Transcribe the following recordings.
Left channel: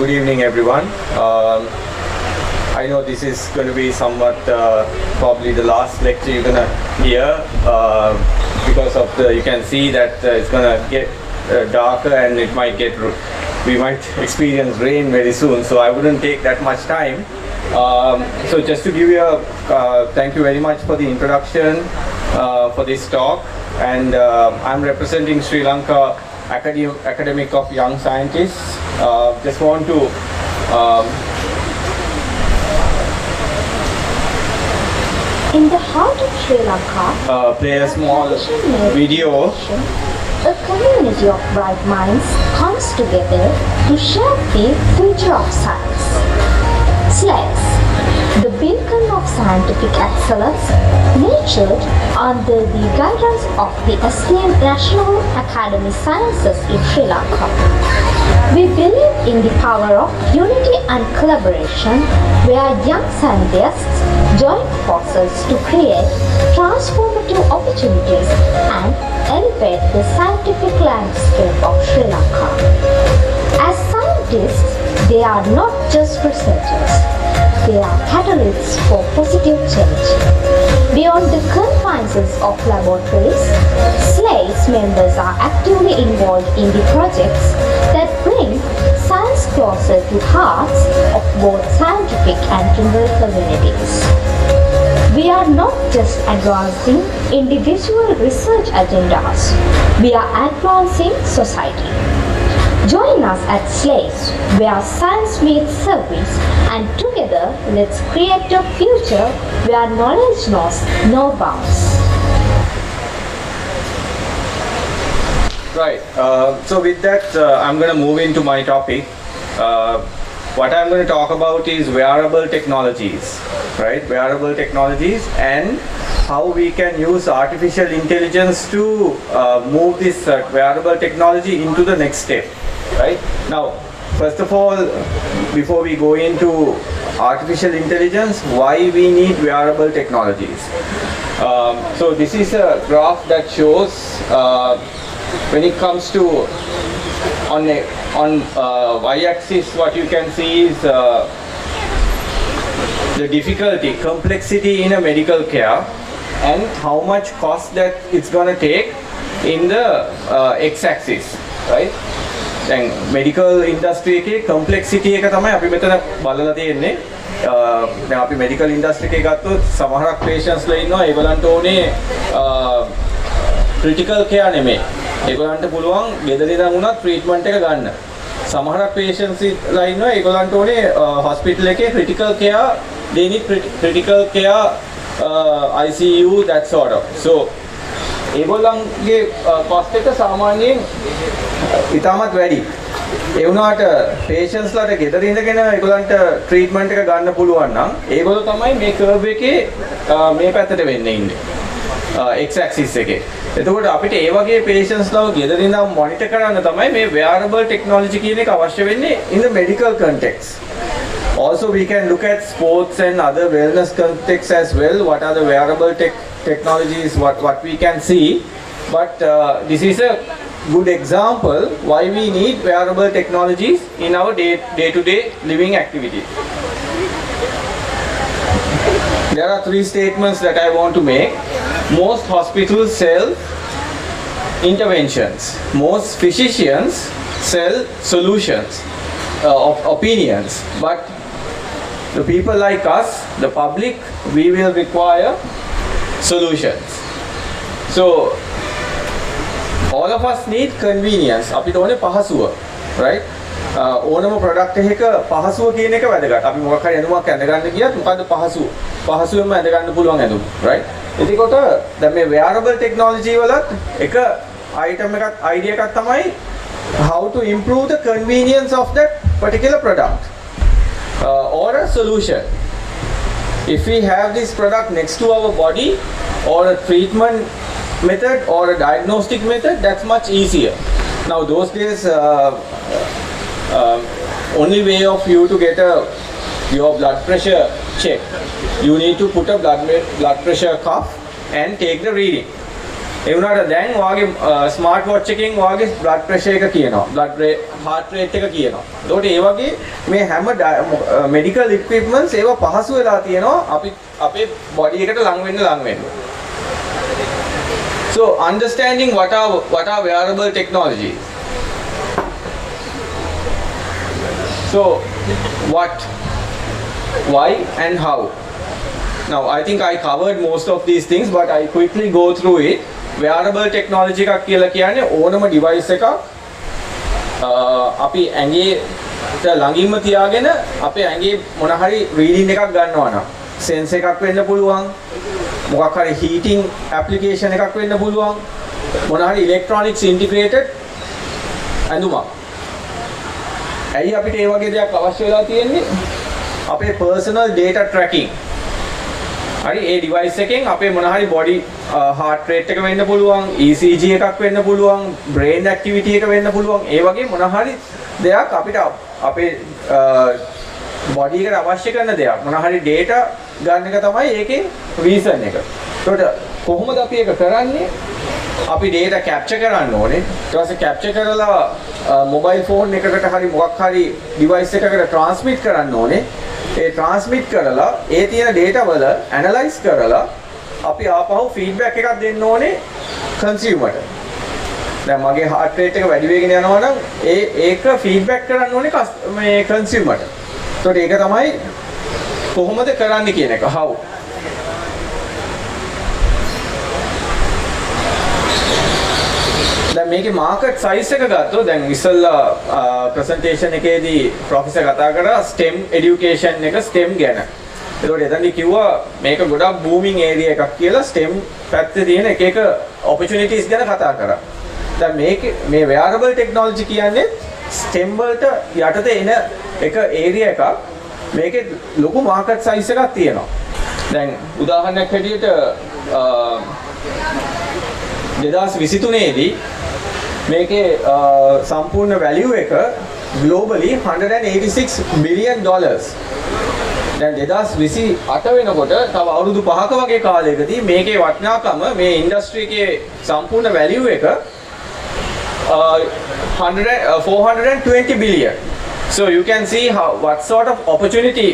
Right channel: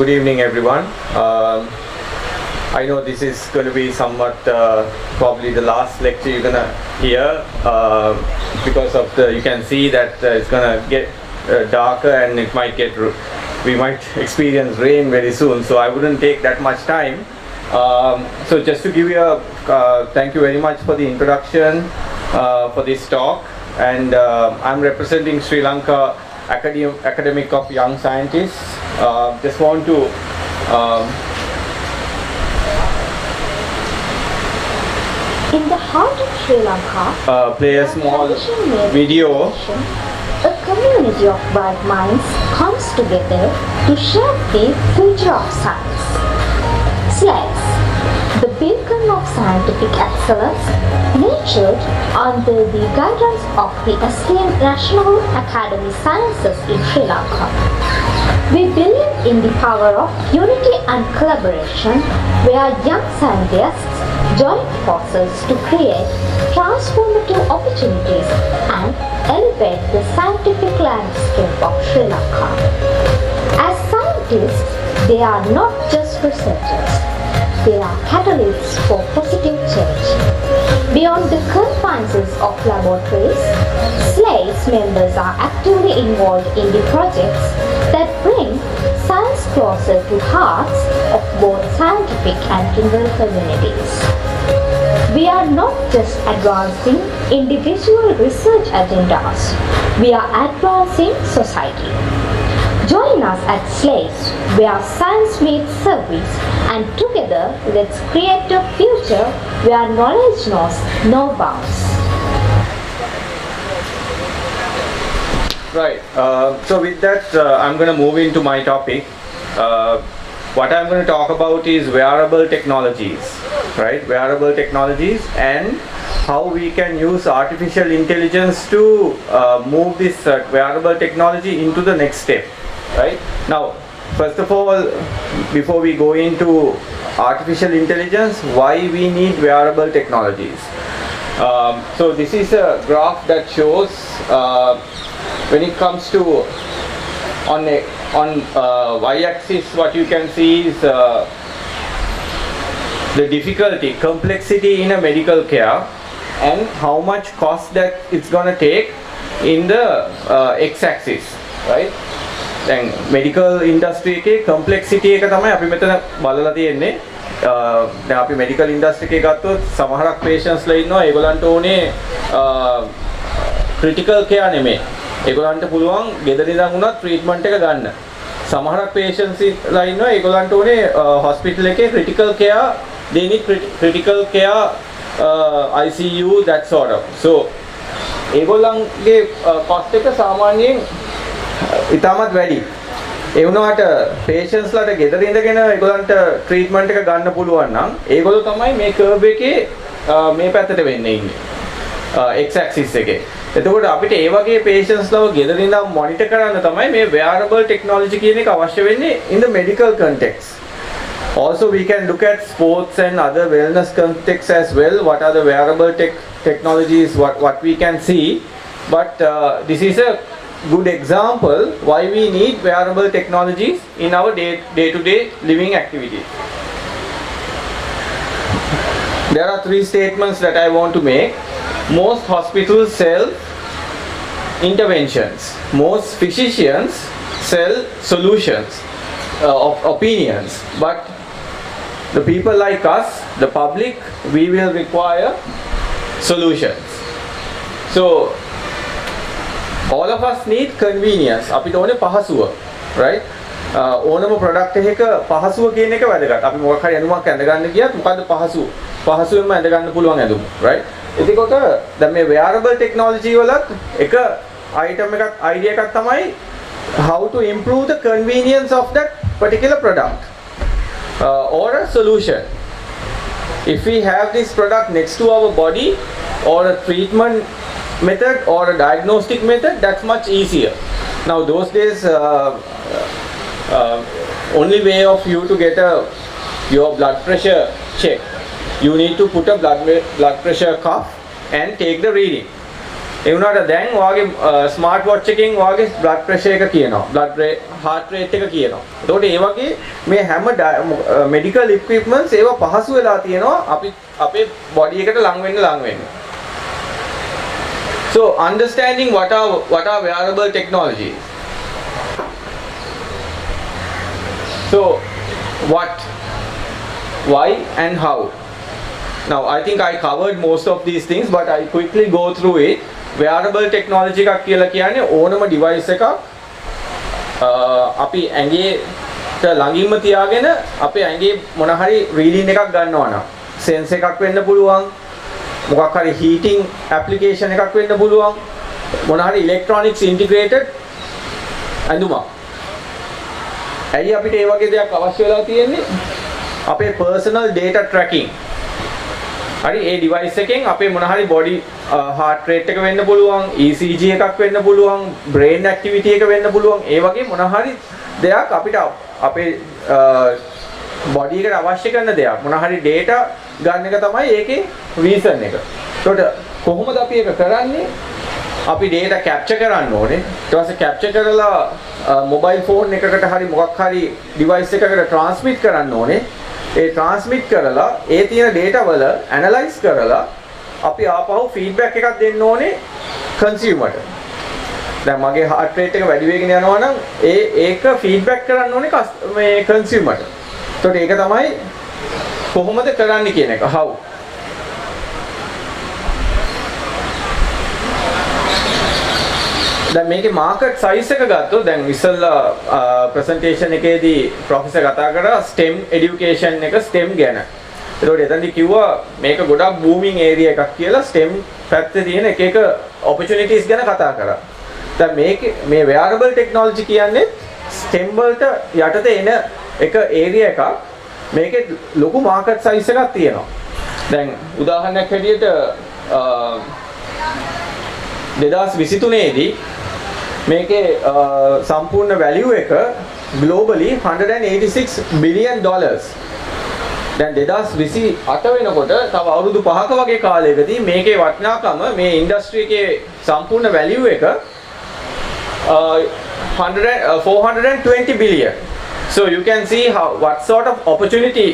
Good evening, everyone. I know this is going to be somewhat probably the last lecture you're going to hear because of you can see that it's going to get darker and we might experience rain very soon, so I wouldn't take that much time. So just to give you thank you very much for the introduction for this talk, and I'm representing Sri Lanka Academic of Young Scientists. Just want to in the heart of Sri Lanka, play a small video. A community of bright minds comes together to shape the future of science. SLAES, the beacon of scientific excellence, nurtured under the guidance of the esteemed National Academy Sciences in Sri Lanka. We believe in the power of unity and collaboration, where young scientists join forces to create transformative opportunities and elevate the scientific landscape of Sri Lanka. As scientists, they are not just researchers, they are catalysts for positive change. Beyond the confines of laboratories, SLAES members are actively involved in the projects that bring science closer to hearts of both scientific and rural communities. We are not just advancing individual research agendas, we are advancing society. Join us at SLAES, where science meets service, and together let's create a future where knowledge knows no bounds. Right. So with that, I'm going to move into my topic. What I'm going to talk about is wearable technologies, right? Wearable technologies and how we can use artificial intelligence to move this wearable technology into the next step, right? Now, first of all, before we go into artificial intelligence, why we need wearable technologies? So this is a graph that shows when it comes to on y-axis, what you can see is the difficulty, complexity in a medical care, and how much cost that it's going to take in the x-axis, right? And medical industry එකේ complexity එක තමයි අපි මෙතන බලලා තියෙන්නේ. දැන් අපි medical industry එකේ ගත්තොත් සමහරක් patients ලා ඉන්නවා ඒගොල්ලන්ට ඕනේ critical care නෙමෙයි. ඒගොල්ලන්ට පුළුවන් ගෙදර ඉඳන් උනත් treatment එක ගන්න. සමහරක් patients ලා ඉන්නවා ඒගොල්ලන්ට ඕනේ hospital එකේ critical care, they need critical care ICU, that sort of. So ඒගොල්ලන්ගේ cost එක සාමාන්‍යයෙන් ඉතාමත් වැඩි. ඒ වුණාට patients ලාට ගෙදර ඉඳගෙන ඒගොල්ලන්ට treatment එක ගන්න පුළුවන් නම් ඒගොල්ලෝ තමයි මේ curve එකේ මේ පැත්තට වෙන්නේ ඉන්නේ. X axis එකේ. එතකොට අපිට ඒ වගේ patients ලාව ගෙදර ඉඳන් monitor කරන්න තමයි මේ wearable technology කියන එක අවශ්‍ය වෙන්නේ in the medical context. Also we can look at sports and other wellness contexts as well. What are the wearable technologies what we can see, but this is a good example why we need wearable technologies in our day-to-day living activities. There are three statements that I want to make. Most hospitals sell interventions. Most physicians sell solutions, opinions. But the people like us, the public, we will require solutions. So all of us need convenience. අපිට ඕනේ පහසුව, right? ඕනම product එකක පහසුව කියන එක වැදගත්. අපි මොකක් හරි ඇඳුමක් ඇඳ ගන්න ගියත් මොකද්ද පහසුව? පහසුවෙන්ම ඇඳ ගන්න පුළුවන් ඇඳුම, right? එතකොට දැන් මේ wearable technology වලත් එක item එකක් idea එකක් තමයි how to improve the convenience of that particular product or a solution. If we have this product next to our body or a treatment method or a diagnostic method, that's much easier. Now those days only way of you to get your blood pressure checked, you need to put a blood pressure cuff and take the reading. ඒ වුණාට දැන් වාගේ smart watch එකෙන් වාගේ blood pressure එක කියනවා. heart rate එක කියනවා. ඒතකොට ඒ වගේ මේ හැම medical equipments ඒවා පහසු වෙලා තියෙනවා අපි අපේ body එකට ලං වෙන්න. So understanding what are wearable technologies. So what, why and how. Now I think I covered most of these things, but I quickly go through it. Wearable technology එකක් කියලා කියන්නේ ඕනම device එකක් අපි ඇඟේට ළඟින්ම තියාගෙන අපේ ඇඟේ මොන හරි reading එකක් ගන්නවා නම් sense එකක් වෙන්න පුළුවන්, මොකක් හරි heating application එකක් වෙන්න පුළුවන්, මොන හරි electronics integrated ඇඳුමක්. ඇයි අපිට ඒ වගේ දෙයක් අවශ්‍ය වෙලා තියෙන්නේ? අපේ personal data tracking. හරි ඒ device එකෙන් අපේ මොන හරි body heart rate එක වෙන්න පුළුවන්, ECG එකක් වෙන්න පුළුවන්, brain activity එක වෙන්න පුළුවන්. ඒ වගේ මොන හරි දෙයක් අපිට අපේ body එකට අවශ්‍ය කරන දෙයක් මොන හරි data ගන්න එක තමයි ඒකේ reason එක. ඒකට කොහොමද අපි ඒක කරන්නේ? අපි data capture කරන්න ඕනේ. ඊට පස්සේ capture කරලා mobile phone එකකට හරි මොකක් හරි device එකකට transmit කරන්න ඕනේ. ඒ transmit කරලා ඒ තියෙන data වල analyze කරලා අපි ආපහු feedback එකක් දෙන්න ඕනේ consumer ට. දැන් මගේ heart rate එක වැඩි වෙගෙන යනවා නම් ඒක feedback කරන්න ඕනේ මේ consumer ට. ඒතකොට ඒක තමයි කොහොමද කරන්නේ කියන එක. how. දැන් මේකේ මාකට් සයිස් එක ගත්තොත් දැන් ඉස්සෙල්ලා ප්‍රසන්ටේෂන් එකේදී ප්‍රොෆෙසර් කතා කරා STEM এডুকেෂන් එක STEM ගැන. ඒකෝට එතනදී කිව්වා මේක ගොඩක් බූමින් ඒරියා එකක් කියලා STEM පැත්තේ තියෙන එක opportunities ගැන කතා කරා. දැන් මේ wearable technology කියන්නේ STEM වලට යටතේ එන එක ඒරියා එකක්. මේකේ ලොකු මාකට් සයිස් එකක් තියෙනවා. දැන් උදාහරණයක් හැටියට 2023 දී මේකේ සම්පූර්ණ වැලියු එක globally $186 billion. දැන් 2028 වෙනකොට තව අවුරුදු 5ක වගේ කාලයකදී මේකේ වටිනාකම මේ ඉන්ඩස්ට්‍රි එකේ සම්පූර්ණ වැලියු එක 420 billion. So you can see what sort of opportunity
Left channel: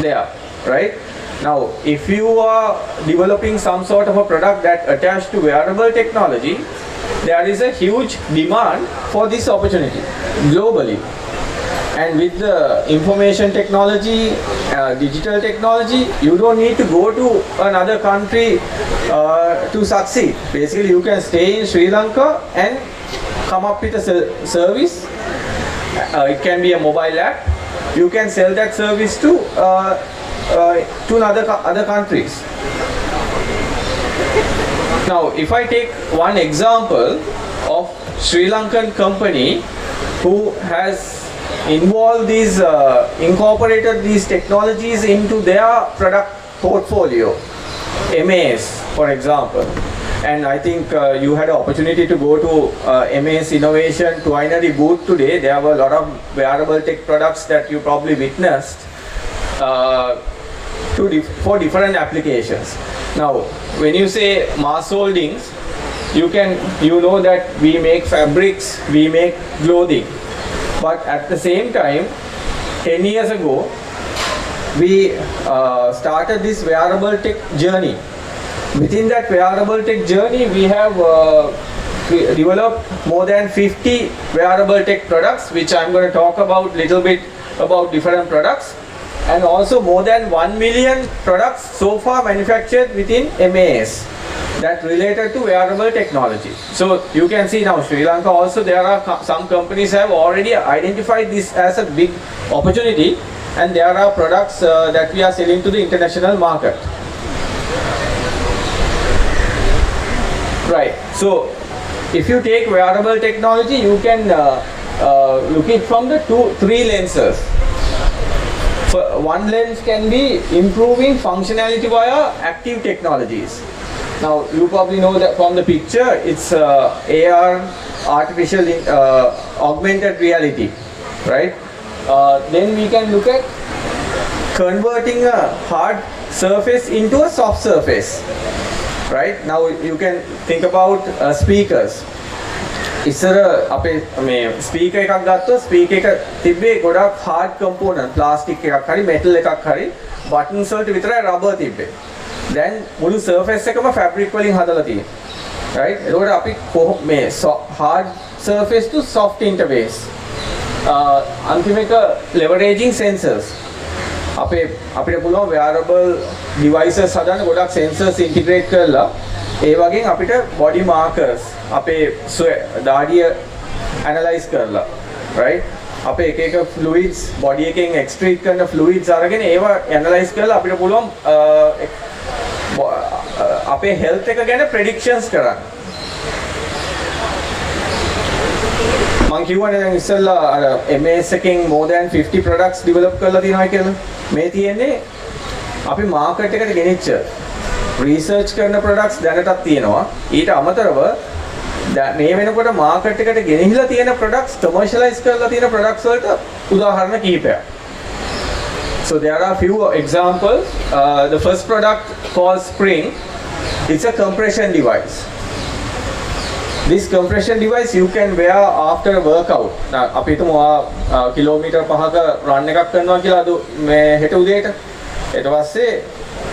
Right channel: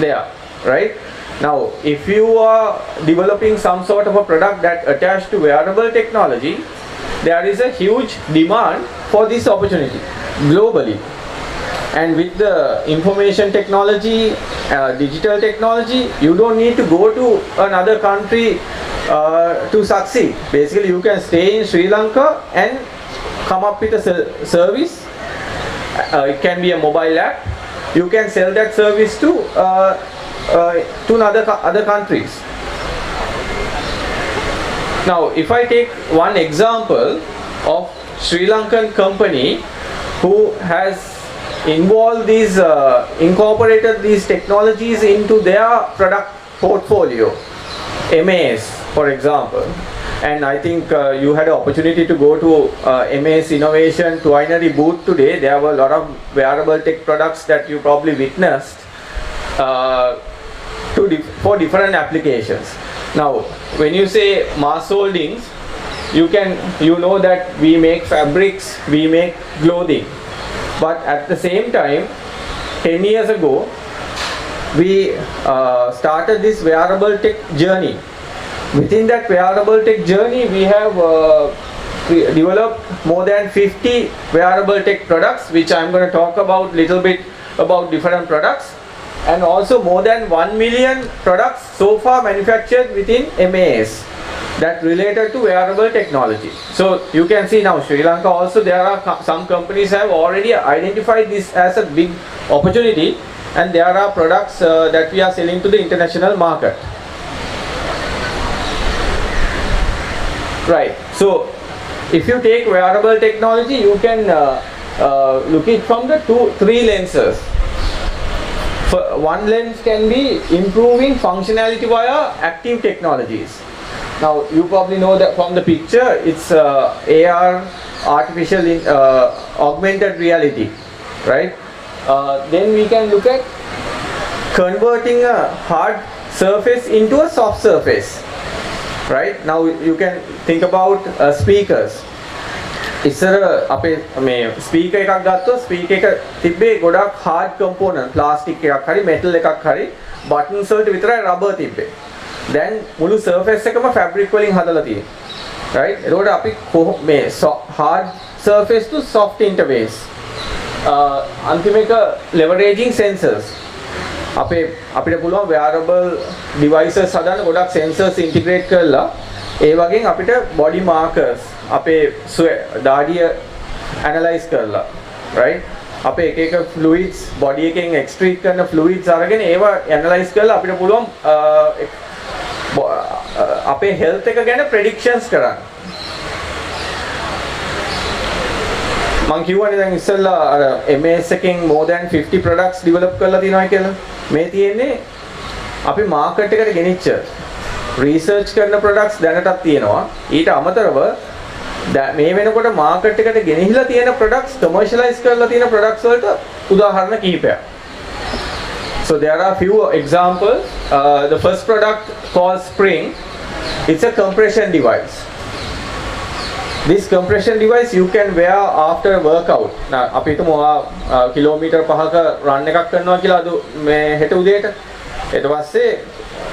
there, right? Now, if you are developing some sort of a product that attached to wearable technology, there is a huge demand for this opportunity globally. And with the information technology, digital technology, you don't need to go to another country to succeed. Basically, you can stay in Sri Lanka and come up with a service. It can be a mobile app. You can sell that service to other countries. Now, if I take one example of Sri Lankan company who has incorporated these technologies into their product portfolio, MAS, for example. And I think you had an opportunity to go to MAS Innovation Twinary booth today. There were a lot of wearable tech products that you probably witnessed. For different applications. Now, when you say mass holdings, you know that we make fabrics, we make clothing, but at the same time, 10 years ago, we started this wearable tech journey. Within that wearable tech journey, we have developed more than 50 wearable tech products, which I'm going to talk about little bit about different products. And also more than 1 million products so far manufactured within MAS that related to wearable technology. So you can see now Sri Lanka also there are some companies have already identified this as a big opportunity, and there are products that we are selling to the international market. Right. So if you take wearable technology, you can look it from the 3 lenses. One lens can be improving functionality via active technologies. Now you probably know that from the picture, it's AR, artificial augmented reality, right? Then we can look at converting a hard surface into a soft surface, right? Now you can think about speakers. ඉස්සර අපේ මේ ස්පීකර් එකක් ගත්තොත් ස්පීකර් එක තිබ්බේ ගොඩක් hard component plastic එකක් හරි metal එකක් හරි buttons වලට විතරයි rubber තිබ්බේ. දැන් මුළු surface එකම fabric වලින් හදලා තියෙනවා. right? එතකොට අපි මේ hard surface to soft interface. අන්තිම එක leveraging sensors. අපිට පුළුවන් wearable devices හදන්න ගොඩක් sensors integrate කරලා ඒ වගේම අපිට body markers අපේ දාඩිය analyze කරලා right අපේ එක fluids body එකෙන් excrete කරන fluids අරගෙන ඒවා analyze කරලා අපිට පුළුවන් අපේ health එක ගැන predictions කරන්න. මම කියවනේ දැන් ඉස්සෙල්ලා අර MS එකෙන් more than 50 products develop කරලා තියෙනවා කියලා. මේ තියෙන්නේ අපි market එකට ගෙනිච්ච research කරන products දැනටත් තියෙනවා. ඊට අමතරව මේ වෙනකොට market එකට ගෙනහිලා තියෙන products commercialize කරලා තියෙන products වලට උදාහරණ කිහිපයක්. So there are few examples. The first product called Spring. It's a compression device. This compression device you can wear after a workout. අපි හිතමු කිලෝමීටර් 5ක run එකක් කරනවා කියලා අද මේ හෙට උදේට. ඊට පස්සේ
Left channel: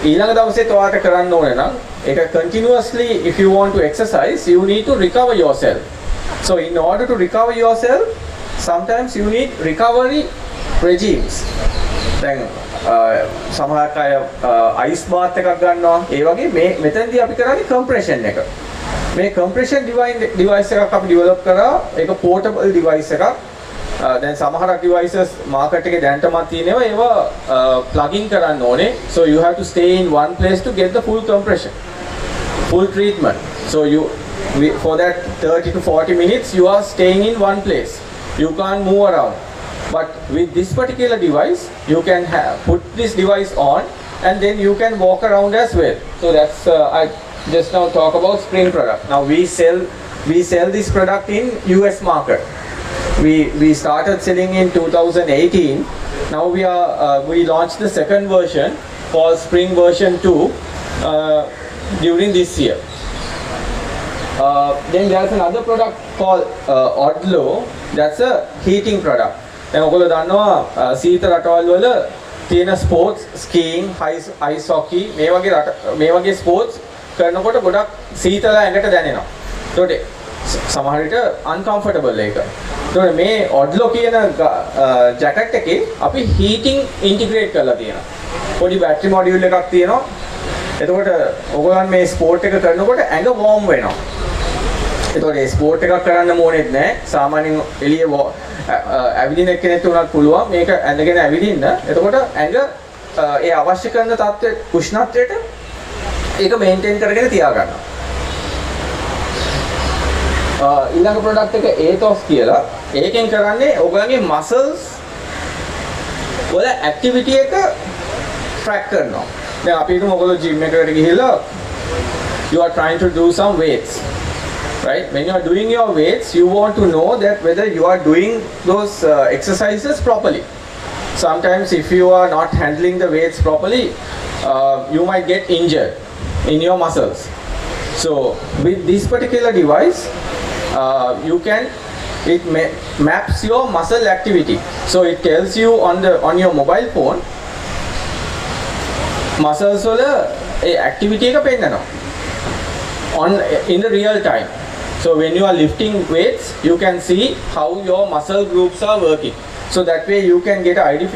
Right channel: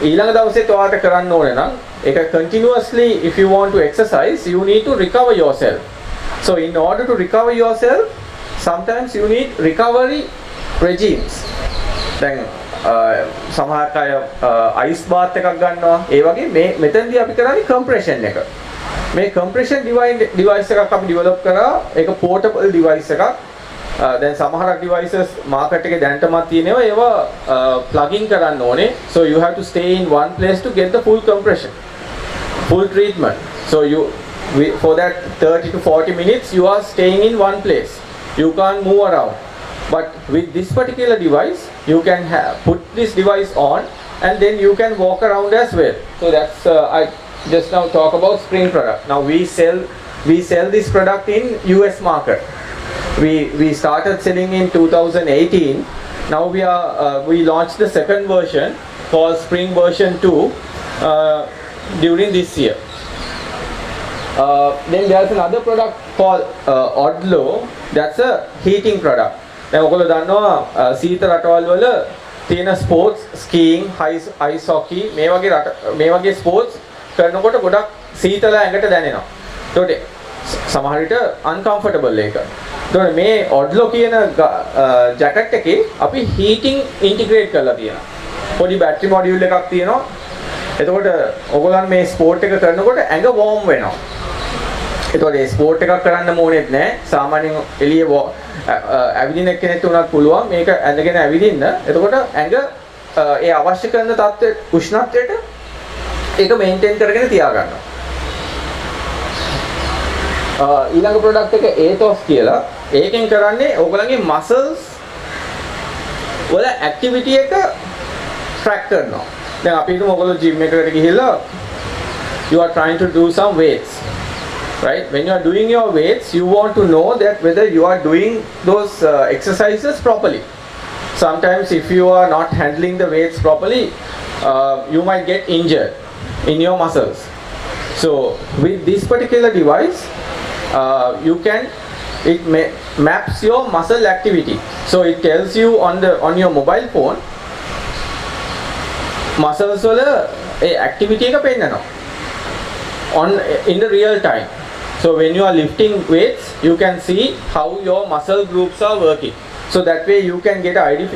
ඊළඟ දවසේ ඔයාලට කරන්න ඕනේ නම් ඒක continuously if you want to exercise you need to recover yourself. So in order to recover yourself sometimes you need recovery regimes. දැන් සමහර අය ice bath එකක් ගන්නවා. ඒ වගේ මේ මෙතනදී අපි කරන්නේ compression එක. මේ compression device එකක් අපි develop කරා. ඒක portable device එකක්. දැන් සමහර devices market එකේ දැනටමත් තියෙනවා ඒවා plug in කරන්න ඕනේ. So you have to stay in one place to get the full compression, full treatment. So for that 30 to 40 minutes you are staying in one place. You can't move around. But with this particular device you can put this device on and then you can walk around as well. So that's I just now talk about Spring product. Now we sell this product in US market. We started selling in 2018. Now we launched the second version called Spring version 2 during this year. Then there's another product called Odlo. That's a heating product. දැන් ඔයගොල්ලෝ දන්නවා සීත රටවල් වල තියෙන ස්පෝර්ට්ස් ස්කීයිං ice hockey මේ වගේ ස්පෝර්ට්ස් කරනකොට ගොඩක් සීතල ඇඟට දැනෙනවා. ඒකට සමහර විට uncomfortable ඒක. ඒතකොට මේ Odlo කියන ජැකට් එකේ අපි heating integrate කරලා තියෙනවා. පොඩි battery module එකක් තියෙනවා. එතකොට ඔයගොල්ලන් මේ ස්පෝර්ට් එක කරනකොට ඇඟ warm වෙනවා. ඒතකොට මේ ස්පෝර්ට් එකක් කරන්න ඕනෙත් නැහැ. සාමාන්‍යයෙන් එළියේ ඇවිදින කෙනෙක් උනත් පුළුවන් මේක ඇඳගෙන ඇවිදින්න. එතකොට ඇඟ ඒ අවශ්‍ය කරන තත්ත්වයට උෂ්ණත්වයට ඒක මේන්ටේන් කරගෙන තියාගන්නවා. ඊළඟ ප්‍රොඩක්ට් එක ඒතොස් කියලා. ඒකෙන් කරන්නේ ඕගොල්ලන්ගේ මසල්ස් වල ඇක්ටිවිටි එක ට්‍රැක් කරනවා. දැන් අපි හිතමු ඔයගොල්ලෝ ජිම් එකකට ගිහිල්ලා you are trying to do some weights. Right? When you are doing your weights, you want to know that whether you are doing those exercises properly. Sometimes if you are not handling the weights properly, you might get injured in your muscles. So with this particular device, it maps your muscle activity. So it tells you on your mobile phone, muscles වල ඒ activity එක පෙන්නනවා in the real time. So when you are lifting weights, you can see how your muscle groups are working. So that way you can get an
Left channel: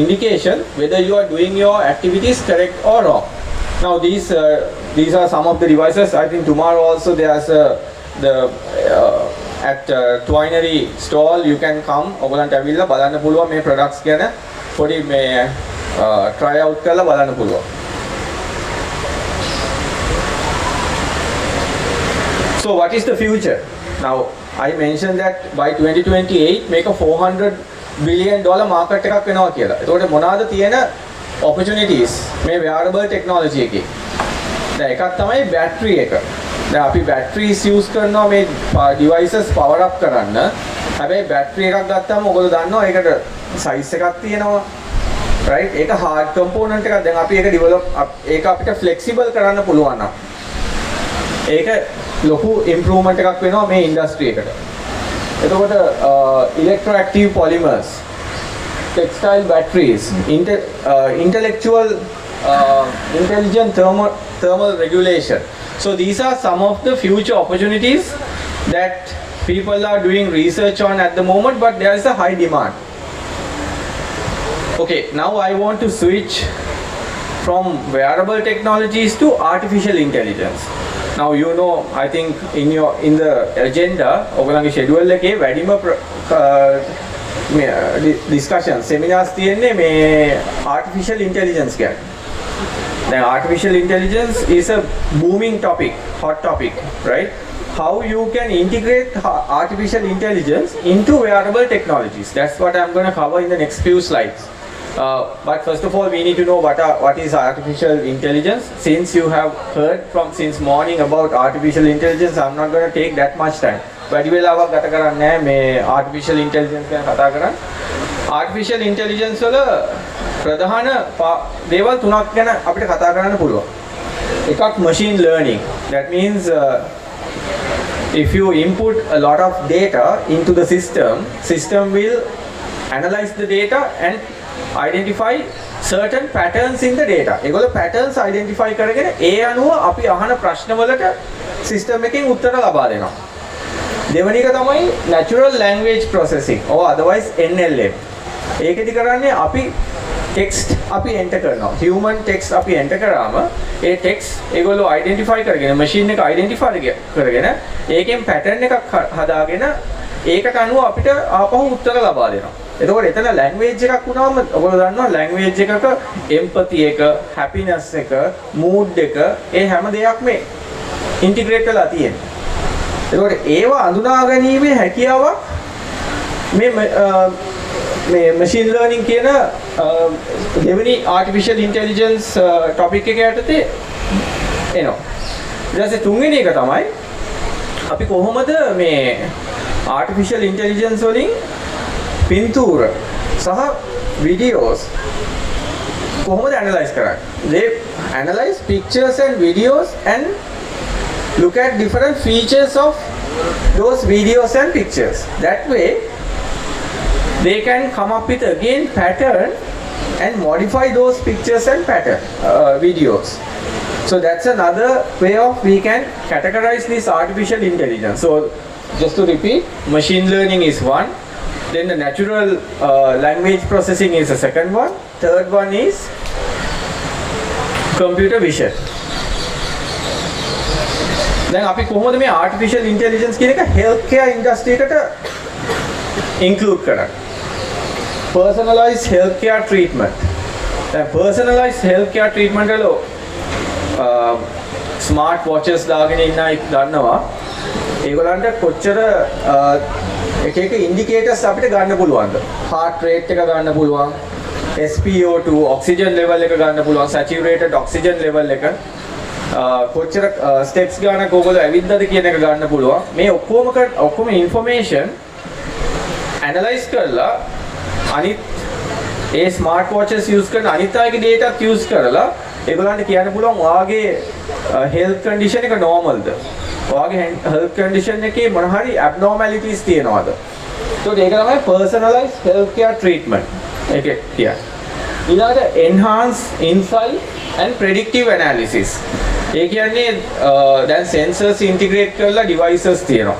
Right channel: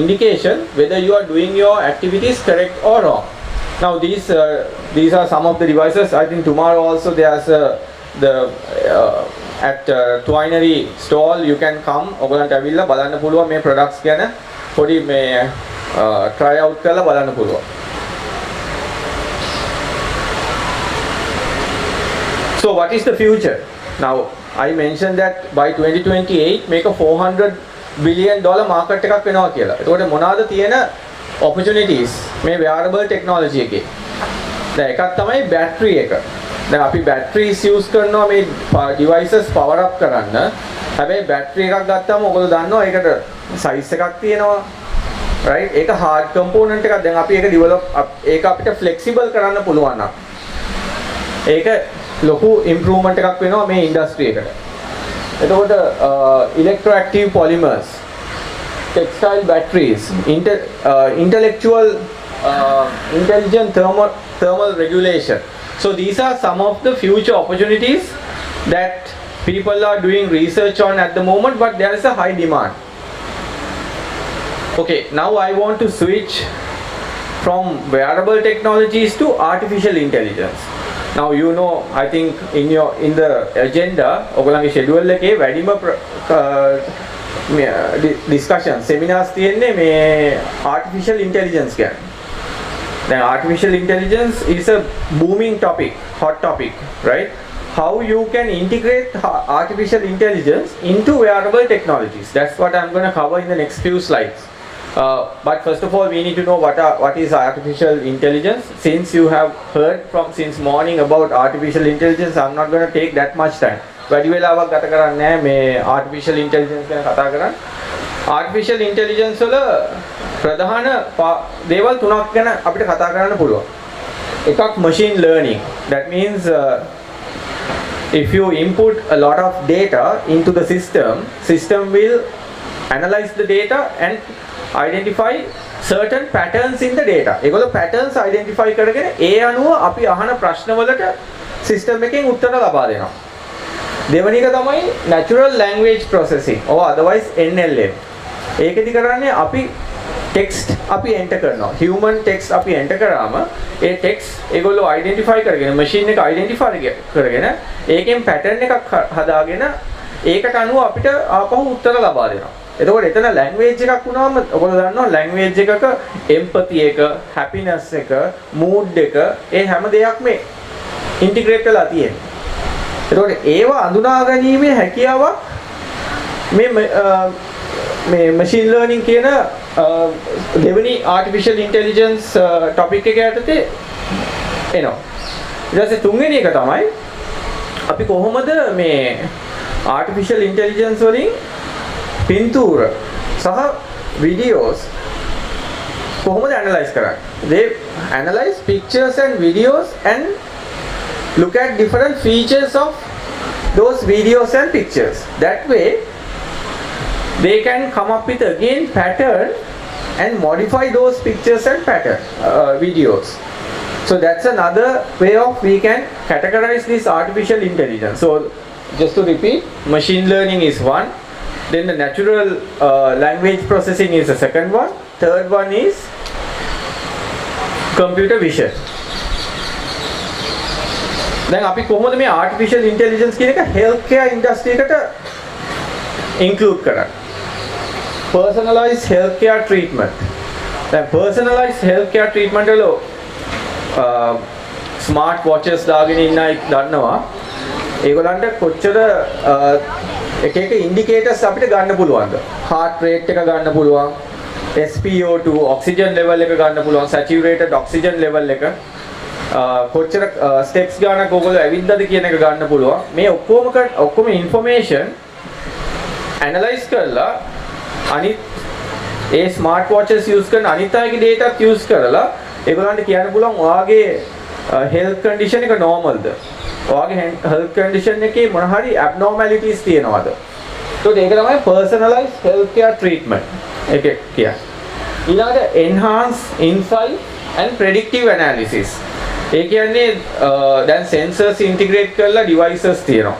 indication whether you are doing your activities correct or wrong. Now these are some of the devices. I think tomorrow also there's at Twinery stall you can come. ඔයගලන්ට ඇවිල්ලා බලන්න පුළුවන් මේ products ගැන පොඩි මේ try out කරලා බලන්න පුළුවන්. So what is the future? Now I mentioned that by 2028 make a $400 billion market එකක් වෙනවා කියලා. ඒකට මොනවාද තියෙන opportunities මේ wearable technology එකේ? දැන් එකක් තමයි battery එක. දැන් අපි batteries use කරනවා මේ devices power up කරන්න. හැබැයි battery එකක් ගත්තාම ඔයගොල්ලෝ දන්නවා ඒකට size එකක් තියෙනවා. right? ඒක hard component එකක්. දැන් අපි ඒක develop ඒක අපිට flexible කරන්න පුළුවන් නම් ඒක ලොකු ඉම්ප්‍රූව්මන්ට් එකක් වෙනවා මේ ඉන්ඩස්ට්‍රි එකට. එතකොට electroactive polymers, textile batteries, intellectual intelligent thermal regulation. So these are some of the future opportunities that people are doing research on at the moment, but there is a high demand. Okay, now I want to switch from wearable technologies to artificial intelligence. Now you know, I think in the agenda, ඔයගොල්ලන්ගේ schedule එකේ වැඩිම discussion seminars තියෙන්නේ මේ artificial intelligence ගැන. Then artificial intelligence is a booming topic, hot topic, right? How you can integrate artificial intelligence into wearable technologies. That's what I'm going to cover in the next few slides. But first of all, we need to know what is artificial intelligence. Since you have heard since morning about artificial intelligence, I'm not going to take that much time. වැඩි වෙලාවක් ගත කරන්නේ නැහැ මේ artificial intelligence ගැන කතා කරන්නේ. Artificial intelligence වල ප්‍රධාන දේවල් තුනක් ගැන අපිට කතා කරන්න පුළුවන්. එකක් machine learning. That means if you input a lot of data into the system will analyze the data and identify certain patterns in the data. ඒගොල්ලෝ patterns identify කරගෙන ඒ අනුව අපි අහන ප්‍රශ්න වලට system එකෙන් උත්තර ලබා දෙනවා. දෙවෙනි එක තමයි natural language processing or otherwise NLM. ඒකෙදි කරන්නේ අපි text අපි enter කරනවා. human text අපි enter කරාම ඒ text ඒගොල්ලෝ identify කරගෙන machine එක identify කරගෙන ඒකෙන් pattern එකක් හදාගෙන ඒකට අනුව අපිට ආපහු උත්තර ලබා දෙනවා. එතකොට එතන language එකක් වුණාම ඔයගොල්ලෝ දන්නවා language එකක empathy එක, happiness එක, mood එක ඒ හැම දෙයක්ම integrate වෙලා තියෙනවා. එතකොට ඒව අඳුනා ගැනීමේ හැකියාවක් මේ machine learning කියන දෙවෙනි artificial intelligence topic එක යටතේ එනවා. ඊට පස්සේ තුන්වෙනි එක තමයි අපි කොහොමද මේ artificial intelligence වලින් පින්තූර සහ videos කොහොමද analyze කරන්නේ? They analyze pictures and videos and look at different features of those videos and pictures. That way they can come up with again pattern and modify those pictures and videos. So that's another way of we can categorize this artificial intelligence. So just to repeat, machine learning is one, then the natural language processing is the second one, third one is computer vision. දැන් අපි කොහොමද මේ artificial intelligence කියන එක healthcare industry එකට include කරන්නේ? Personalized healthcare treatment. දැන් personalized healthcare treatment වල smart watches දාගෙන ඉන්න අය දන්නවා. ඒගොල්ලන්ට කොච්චර එක indicators අපිට ගන්න පුළුවන්ද? heart rate එක ගන්න පුළුවන්, SpO2 oxygen level එක ගන්න පුළුවන්, saturated oxygen level එක කොච්චර ස්ටෙප්ස් ගානක් ඔයගොල්ලෝ ඇවිද්දාද කියන එක ගන්න පුළුවන්. මේ ඔක්කොම information analyze කරලා අනිත් ඒ smart watches use කරන අනිත් අයගේ data use කරලා ඒගොල්ලන්ට කියන්න පුළුවන් ඔයාගේ health condition එක normalද? ඔයාගේ health condition එකේ මොන හරි abnormalities තියෙනවද? So ඒක තමයි personalized healthcare treatment. ඒක කියන්නේ. ඊළඟට enhanced insight and predictive analysis. ඒ කියන්නේ දැන් sensors integrate කරලා devices තියෙනවා.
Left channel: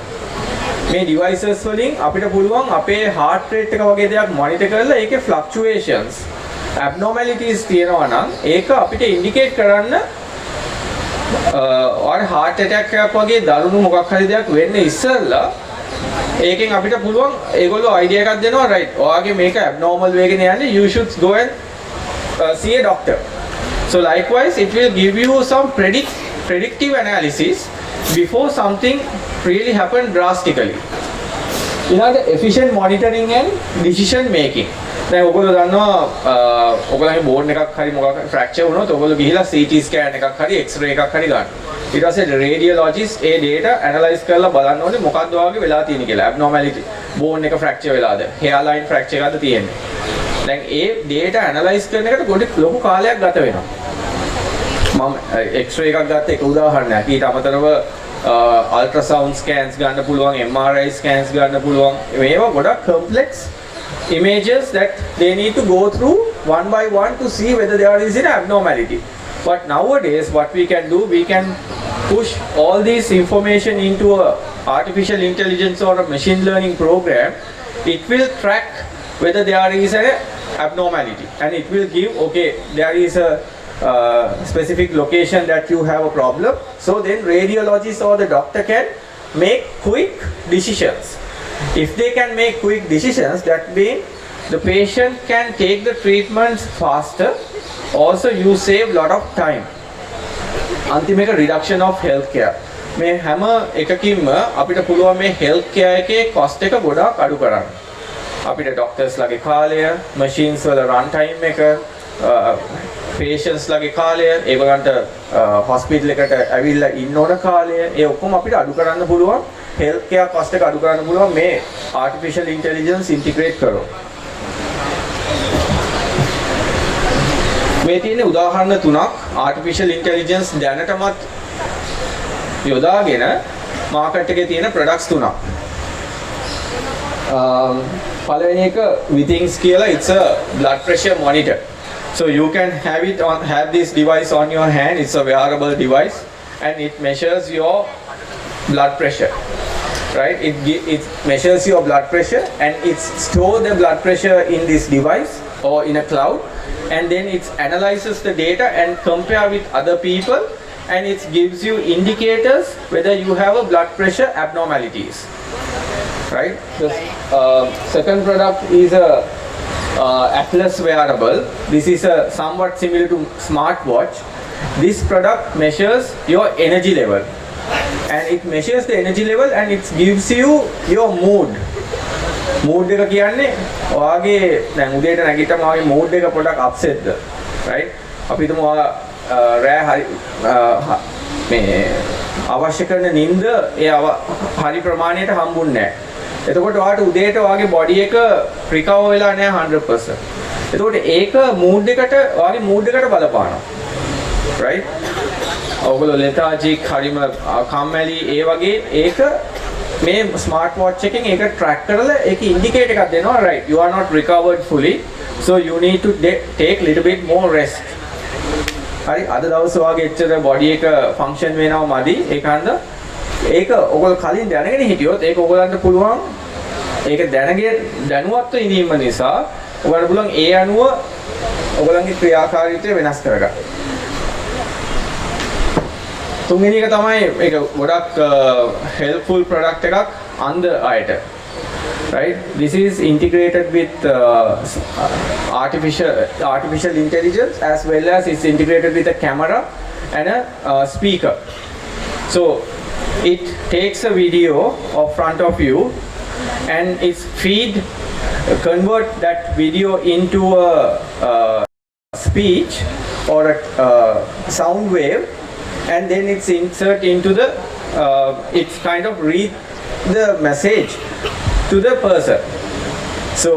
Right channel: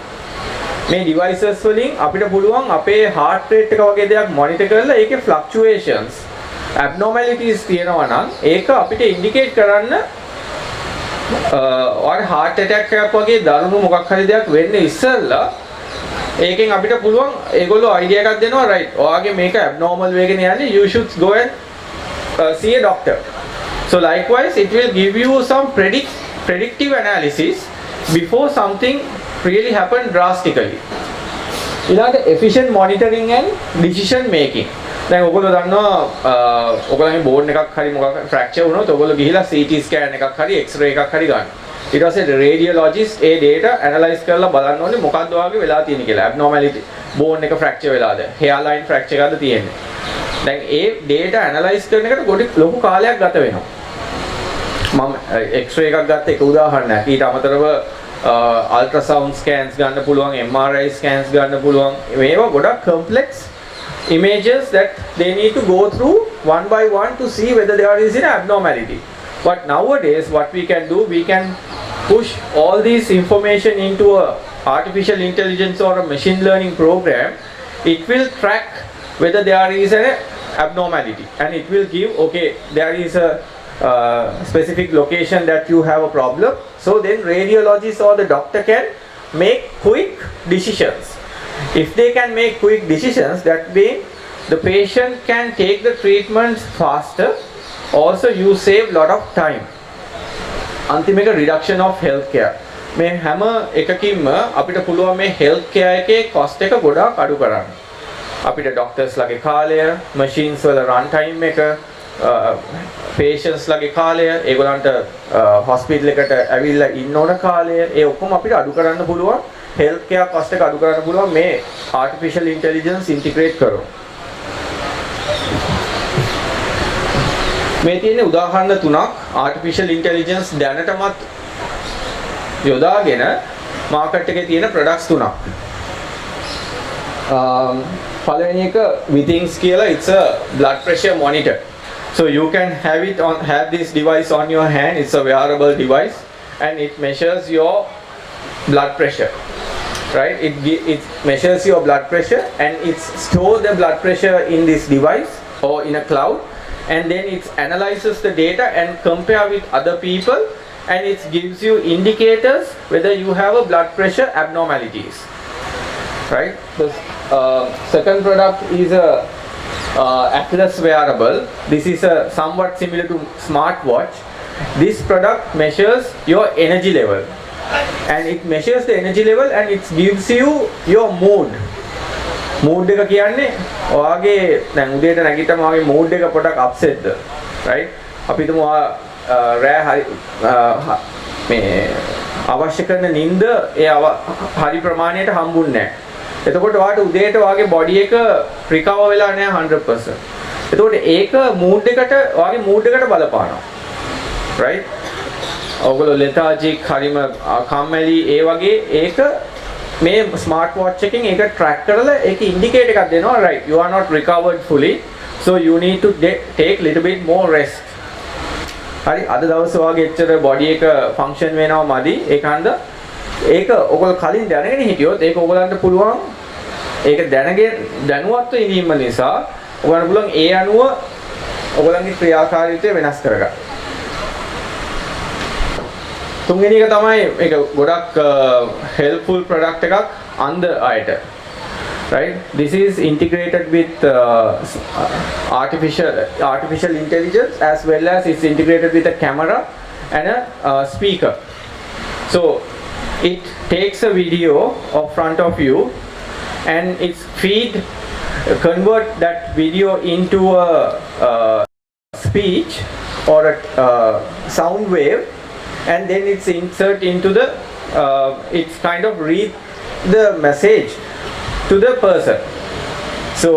මේ devices වලින් අපිට පුළුවන් අපේ heart rate එක වගේ දෙයක් monitor කරලා ඒකේ fluctuations, abnormalities තියෙනවා නම් ඒක අපිට indicate කරන්න or heart attack එකක් වගේ දරුණු මොකක් හරි දෙයක් වෙන්නේ ඉස්සෙල්ලා ඒකෙන් අපිට පුළුවන් ඒගොල්ලෝ idea එකක් දෙනවා, right, ඔයාගේ මේක abnormal වෙගෙන යන්නේ, you should go and see a doctor. So likewise, it will give you some predictive analysis before something really happen drastically. ඊළඟට efficient monitoring and decision making. දැන් ඔයගොල්ලෝ දන්නවා ඔයගොල්ලන්ගේ බෝන් එකක් හරි මොකක් හරි fracture වුණොත් ඔයගොල්ලෝ ගිහිලා CT scan එකක් හරි X-ray එකක් හරි ගන්න. ඊට පස්සේ radiologist ඒ data analyze කරලා බලන්න ඕනේ මොකක්ද ඔයාගේ වෙලා තියෙන්නේ කියලා. abnormality බෝන් එක fracture වෙලාද? hairline fracture එකක්ද තියෙන්නේ? දැන් ඒ data analyze කරන එකට පොඩි ලොකු කාලයක් ගත වෙනවා. මම X-ray එකක් ගත්ත එක උදාහරණයක්. ඊට අමතරව ultrasound scans ගන්න පුළුවන්, MRI scans ගන්න පුළුවන්. මේවා ගොඩක් complex images that they need to go through one by one to see whether there is an abnormality. But nowadays what we can do, we can push all this information into a artificial intelligence or a machine learning program. It will track whether there is an abnormality, and it will give, okay, there is a specific location that you have a problem. So then radiologist or the doctor can make quick decisions. If they can make quick decisions, that means the patient can take the treatments faster. Also you save lot of time. අන්තිම එක reduction of healthcare. මේ හැම එකකින්ම අපිට පුළුවන් මේ healthcare එකේ cost එක ගොඩාක් අඩු කරන්න. අපිට doctors ලගේ කාලය, machines වල run time එක, patients ලගේ කාලය, ඒගොල්ලන්ට hospital එකට ඇවිල්ලා ඉන්න ඕන කාලය, ඒ ඔක්කොම අපිට අඩු කරන්න පුළුවන්. healthcare cost එක අඩු කරන්න පුළුවන් මේ artificial intelligence integrate කරොත්. මේ තියෙන උදාහරණ තුනක් artificial intelligence දැනටමත් යොදාගෙන මාකට් එකේ තියෙන products තුනක්. පළවෙනි එක Withings කියලා, it's a blood pressure monitor. So you can have this device on your hand. It's a wearable device and it measures your blood pressure. Right? It measures your blood pressure and it stores the blood pressure in this device or in a cloud. And then it analyzes the data and compare with other people, and it gives you indicators whether you have a blood pressure abnormalities. Right? So second product is a Atlas wearable. This is a somewhat similar to smartwatch. This product measures your energy level, and it measures the energy level and it gives you your mood. mood එක කියන්නේ ඔයාගේ දැන් උදේට නැගිටම ආගේ mood එක පොඩක් upset ද, right? අපි හිතමු රෑ හරි මේ අවශ්‍ය කරන නිින්ද ඒ හරි ප්‍රමාණයට හම්බුන්නේ නැහැ. එතකොට ඔයාට උදේට ඔයාගේ body එක recover වෙලා නැහැ 100%. එතකොට ඒක mood එකට ඔයාගේ mood එකට බලපානවා. right? ඔයගොල්ලෝ lethargic හරිම කම්මැලි ඒ වගේ ඒක මේ ස්මාර්ට් වොච් එකෙන් ඒක ට්‍රැක් කරලා ඒක ඉන්ඩිකේට් එකක් දෙනවා, right, you are not recovered fully, so you need to take little bit more rest. හරි, අද දවසේ ඔයාගේ එච්චර බොඩි එක ෆන්ක්ෂන් වෙනවා මදි, ඒකන්ද ඒක ඔයගොල්ලෝ කලින් දැනගෙන හිටියොත් ඒක ඔයගලන්ට පුළුවන් ඒක දැනුවත්ව ඉඳීම නිසා ඔයාලට පුළුවන් ඒ අනුව ඔයගලන්ගේ ක්‍රියාකාරීත්වය වෙනස් කරගන්න. තුන්වෙනි එක තමයි මේක ගොඩක් helpful product එකක් අන්ධ අයට. Right? This is integrated with artificial intelligence, as well as it's integrated with a camera and a speaker. So it takes a video of front of you and it's convert that video into a speech or a sound wave, and then it's insert into the it's kind of read the message to the person. So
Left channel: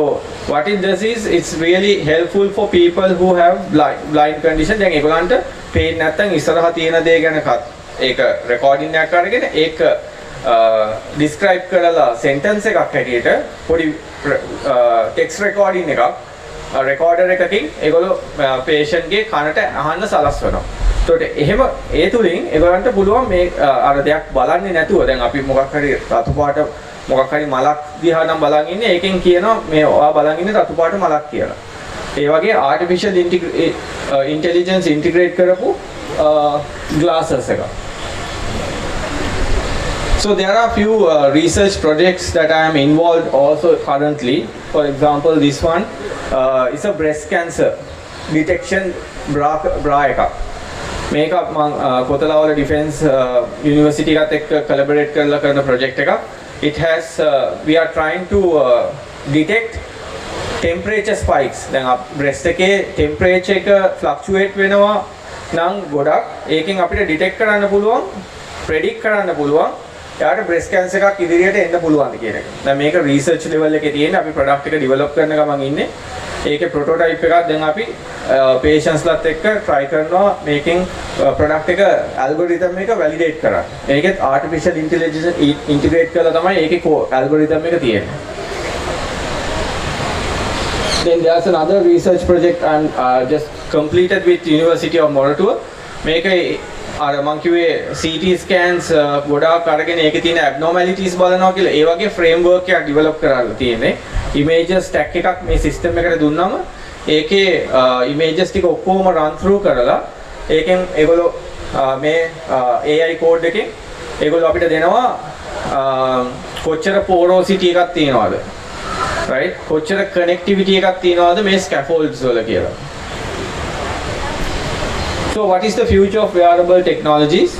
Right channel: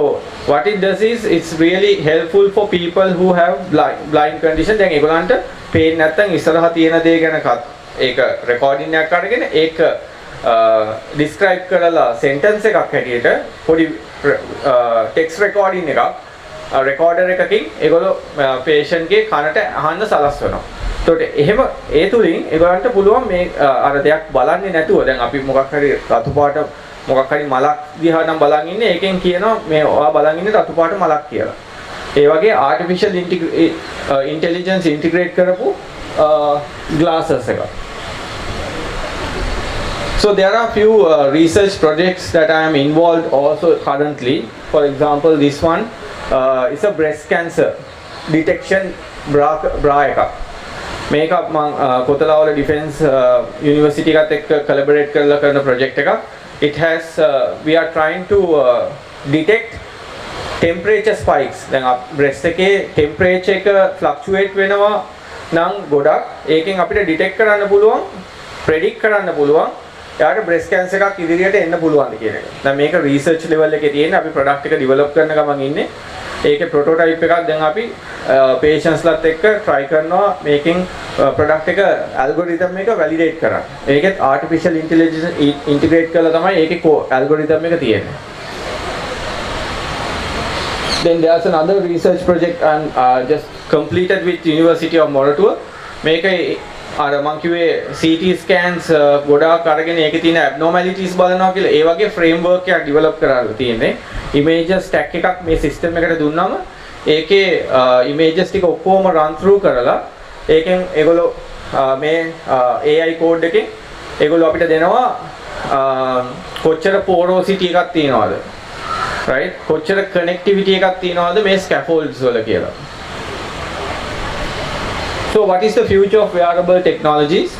what it does is it's really helpful for people who have blind condition. දැන් ඒගොල්ලන්ට පේන්නේ නැත්නම් ඉස්සරහා තියෙන දේ ගැන ඒක රෙකෝඩින් එකක් අරගෙන ඒක describe කරලා sentence එකක් හැටියට පොඩි text recording එකක් recorder එකකින් ඒගොල්ලෝ patient ගේ කනට අහන්න සලස්වනවා. එතකොට එහෙම ඒ තුලින් ඒගොල්ලන්ට පුළුවන් මේ අර දෙයක් බලන්නේ නැතුව දැන් අපි මොකක් හරි රතු පාට මොකක් හරි මලක් දිහා නම් බලන් ඉන්නේ, ඒකෙන් කියනවා මේ ඔයා බලන් ඉන්නේ රතු පාට මලක් කියලා. ඒ වගේ artificial intelligence integrate කරපු glasses එකක්. So there are few research projects that I am involved also currently. For example, this one is a breast cancer detection bra එකක්. මේක මම කොතලාවල ඩිෆෙන්ස් යුනිවර්සිටි එකත් එක්ක කොලැබොරේට් කරලා කරන ප්‍රොජෙක්ට් එකක්. It has we are trying to detect temperature spikes. දැන් breast එකේ temperature එක fluctuate වෙනවා නම් ගොඩක් ඒකෙන් අපිට detect කරන්න පුළුවන්, predict කරන්න පුළුවන් යාට breast cancer එකක් ඉදිරියට එන්න පුළුවන්ද කියන එක. දැන් මේක research level එකේ තියෙන අපි product එක develop කරන ගමන් ඉන්නේ. ඒකේ ප්‍රොටෝටයිප් එකක් දැන් අපි patientsලත් එක්ක try කරනවා මේකෙන් product එක algorithm එක validate කරන්න. ඒකෙත් artificial intelligence integrate කරලා තමයි ඒකේ algorithm එක තියෙන්නේ. Then there's another research project and just completed with University of Moratuwa. මේකේ අර මං කිව්වේ CT scans ගොඩාක් අරගෙන ඒකේ තියෙන abnormalities බලනවා කියලා ඒ වගේ framework එකක් develop කරලා තියෙන්නේ. Images stack එකක් මේ system එකට දුන්නාම ඒකේ images ටික ඔක්කොම run through කරලා ඒකෙන් ඒගොල්ලෝ මේ AI code එකෙන් ඒගොල්ලෝ අපිට දෙනවා කොච්චර porosity එකක් තියෙනවද, right? කොච්චර connectivity එකක් තියෙනවද මේ scaffolds වල කියලා. So what is the future of wearable technologies?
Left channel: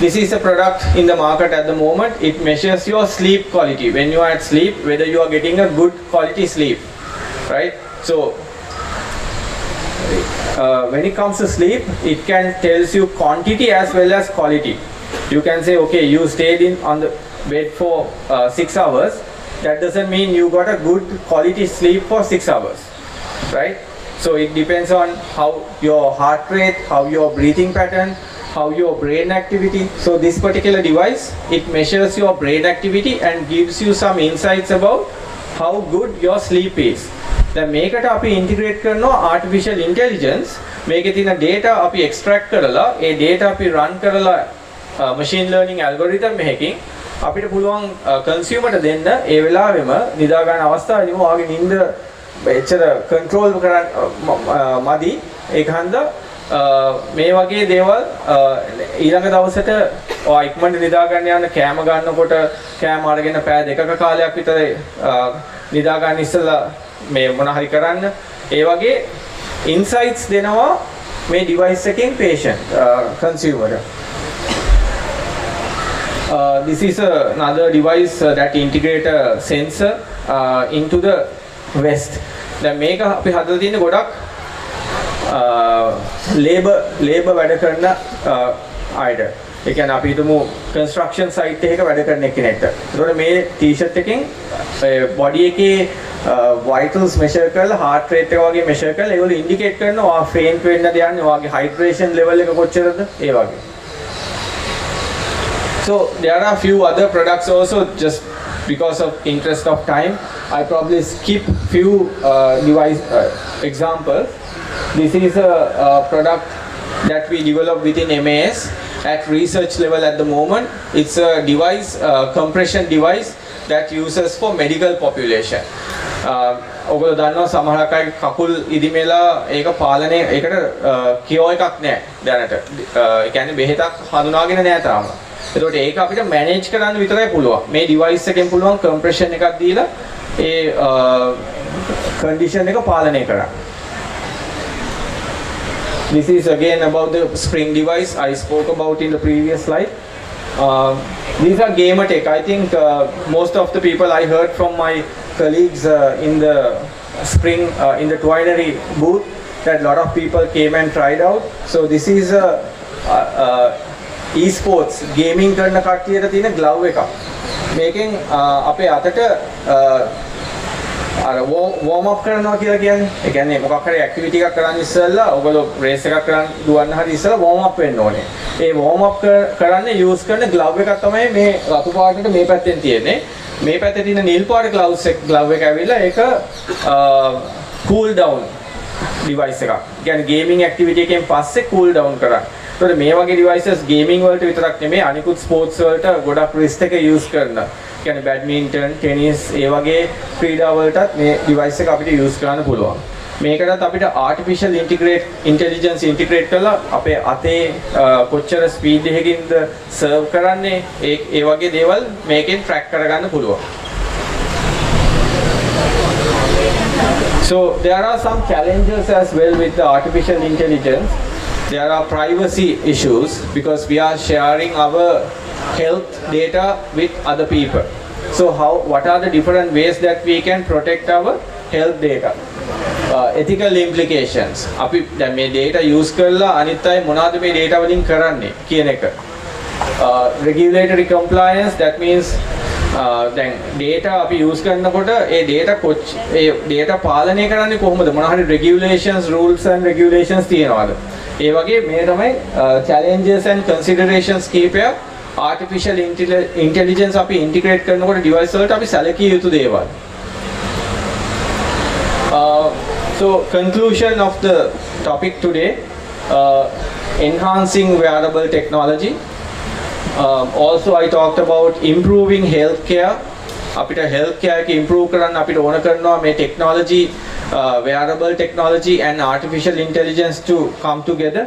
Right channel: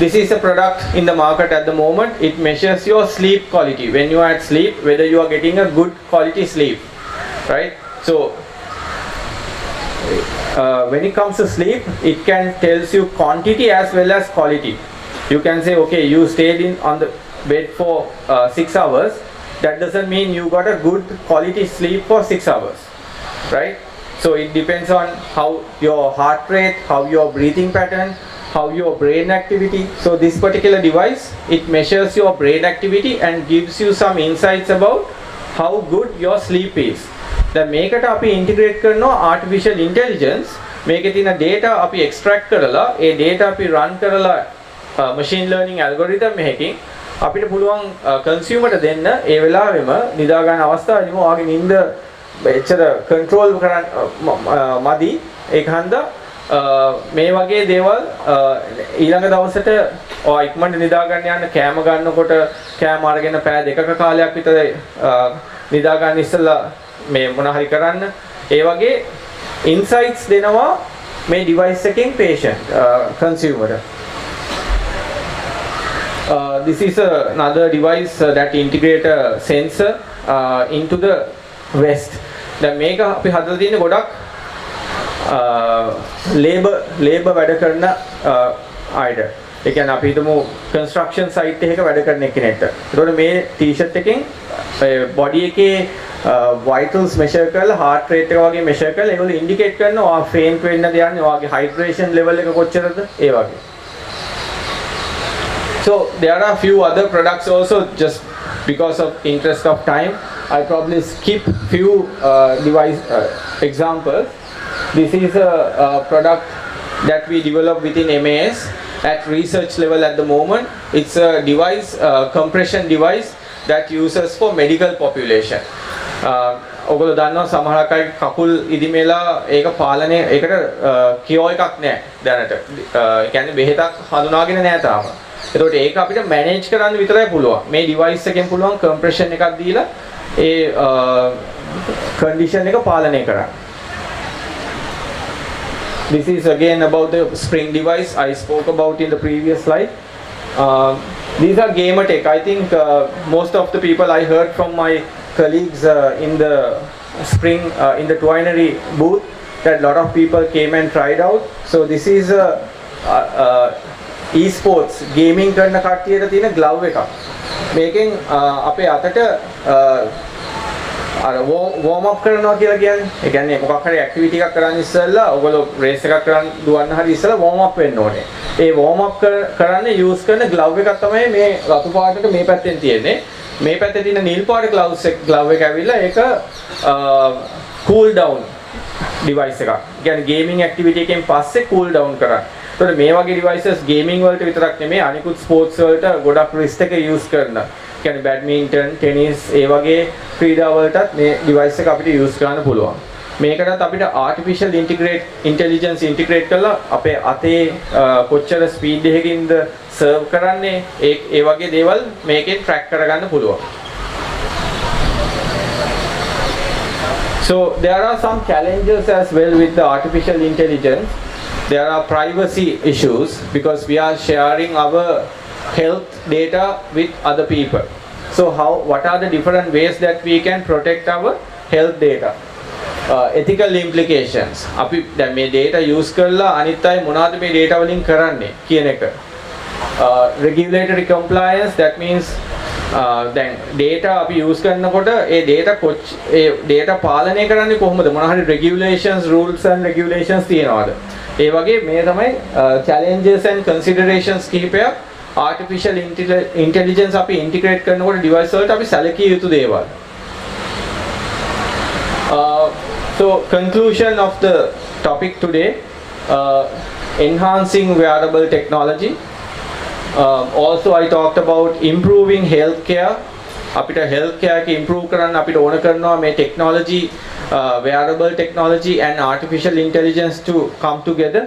This is a product in the market at the moment. It measures your sleep quality. When you are at sleep, whether you are getting a good quality sleep, right? So when it comes to sleep, it can tells you quantity as well as quality. You can say, okay, you stayed on the bed for 6 hours. That doesn't mean you got a good quality sleep for 6 hours, right? So it depends on how your heart rate, how your breathing pattern, how your brain activity. So this particular device, it measures your brain activity and gives you some insights about how good your sleep is. දැන් මේකට අපි integrate කරනවා artificial intelligence. මේකේ තියෙන data අපි extract කරලා ඒ data අපි run කරලා machine learning algorithm එකකින් අපිට පුළුවන් consumer ට දෙන්න ඒ වෙලාවෙම නිදා ගන්න අවස්ථාවේදී ඔයාගේ නිින්ද එච්චර control කරන්න මදි. ඒක හන්දා මේ වගේ දේවල් ඊළඟ දවසට ඔයා ඉක්මනට නිදා ගන්න යන කෑම ගන්නකොට කෑම අරගෙන පැය දෙකක කාලයක් විතර නිදා ගන්න ඉස්සෙල්ලා මේ මොන හරි කරන්න ඒ වගේ insights දෙනවා මේ device එකකින් patient consumer. This is another device that integrate a sensor into the vest. දැන් මේක අපි හදලා තියෙන්නේ ගොඩක් labor වැඩ කරන අයට. ඒ කියන්නේ අපි හිතමු construction site එකක වැඩ කරන කෙනෙක්ට. ඒතකොට මේ t-shirt එකෙන් body එකේ vitals measure කරලා heart rate එක වගේ measure කරලා ඒගොල්ලෝ indicate කරනවා ඔයා faint වෙන්නද යන්නේ, ඔයාගේ hydration level එක කොච්චරද ඒ වගේ. So there are a few other products also. Just because of interest of time, I probably skip few device examples. This is a product that we developed within MAS at research level at the moment. It's a device, compression device that uses for medical population. ඔගොල්ලෝ දන්නවා සමහර අය කකුල් ඉදිමෙලා ඒක පාලනය ඒකට කියෝ එකක් නැහැ දැනට. ඒ කියන්නේ බෙහෙතක් හඳුනාගෙන නැහැ තාම. ඒකට ඒක අපිට මැනේජ් කරන්න විතරයි පුළුවන්. මේ ඩිවයිස් එකෙන් පුළුවන් කම්ප්‍රෙෂන් එකක් දීලා ඒ කන්ඩිෂන් එක පාලනය කරන්න. This is again about the spring device I spoke about in the previous slide. These are gamer tech. I think most of the people I heard from my colleagues in the spring in the Twinery booth that a lot of people came and tried out. So this is e-sports gaming කරන කට්ටියට තියෙන glove එකක්. මේකෙන් අපේ අතට අර warm up කරනවා කියලා කියන්නේ. ඒ කියන්නේ මොකක් හරි activity එකක් කරන්න ඉස්සෙල්ලා ඔයගොල්ලෝ race එකක් කරන්න දුවන්න හරි ඉස්සෙල්ලා warm up වෙන්න ඕනේ. ඒ warm up කරන්න use කරන glove එකක් තමයි මේ රතු පාටට මේ පැත්තෙන් තියෙන්නේ. මේ පැත්තේ තියෙන නිල් පාට glove එක ඇවිල්ලා ඒක cool down device එකක්. කියන්නේ gaming activity එකෙන් පස්සේ cool down කරන්න. So මේ වගේ devices gaming වලට විතරක් නෙමෙයි අනිකුත් sports වලට ගොඩක් risk එක use කරනවා. කියන්නේ badminton, tennis ඒ වගේ ක්‍රීඩා වලටත් මේ device එක අපිට use කරන්න පුළුවන්. මේකටත් අපිට artificial intelligence integrate කරලා අපේ අතේ කොච්චර speed එකකින්ද serve කරන්නේ ඒ වගේ දේවල් මේකෙන් track කරගන්න පුළුවන්. So there are some challenges as well with the artificial intelligence. There are privacy issues because we are sharing our health data with other people. So what are the different ways that we can protect our health data? Ethical implications. අපි දැන් මේ data use කරලා අනිත් අය මොනවද මේ data වලින් කරන්නේ කියන එක. Regulatory compliance, that means දැන් data අපි use කරනකොට ඒ data පාලනය කරන්නේ කොහොමද? මොන හරි regulations, rules and regulations තියනවාද? ඒ වගේ මේ තමයි challenges and considerations කීපයක් artificial intelligence අපි integrate කරනකොට device වලට අපි සැලකිය යුතු දේවල්. So conclusion of the topic today, enhancing wearable technology. Also I talked about improving healthcare. අපිට healthcare එක improve කරන්න අපිට ඕන කරනවා මේ technology, wearable technology and artificial intelligence to come together.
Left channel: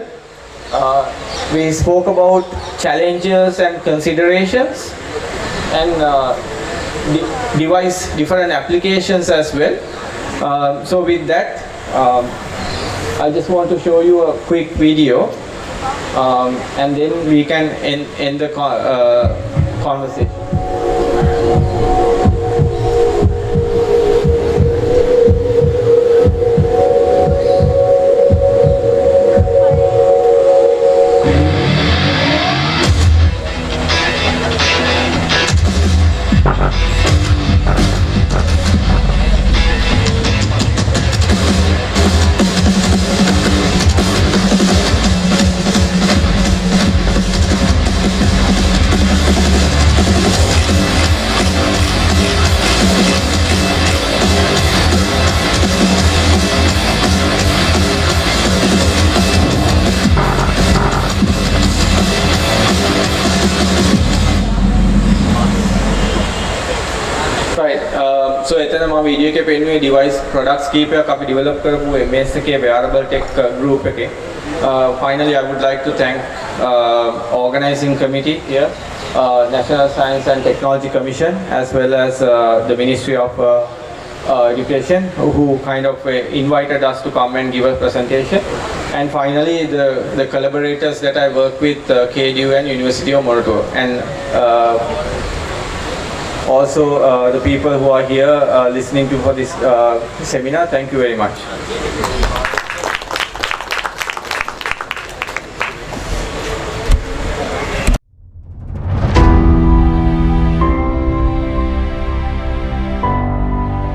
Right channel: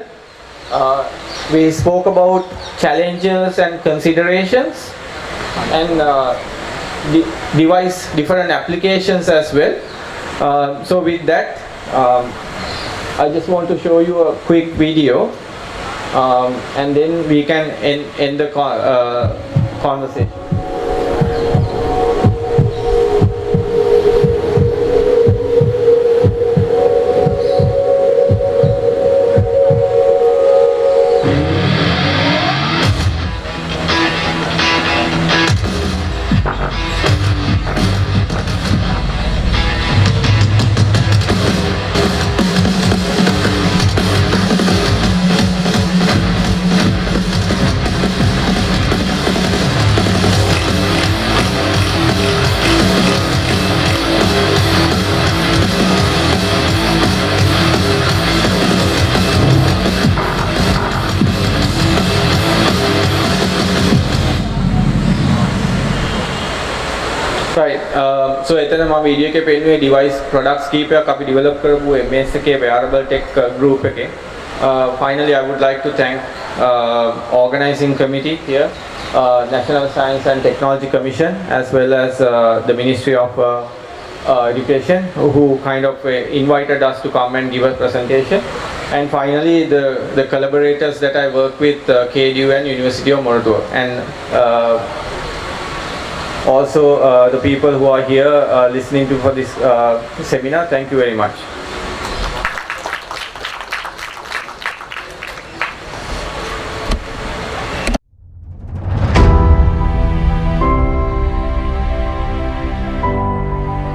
We spoke about challenges and considerations and device different applications as well. So with that, I just want to show you a quick video. And then we can end the conversation. Right. So එතන මම වීඩියෝ එකේ පෙන්නුවේ device products කීපයක් අපි develop කරපු MS එකේ wearable tech group එකේ. Finally I would like to thank organizing committee here, National Science and Technology Commission, as well as the Ministry of Education, who kind of invited us to come and give a presentation. And finally the collaborators that I work with, KDU and University of Morocco, and also the people who are here listening to for this seminar. Thank you very much.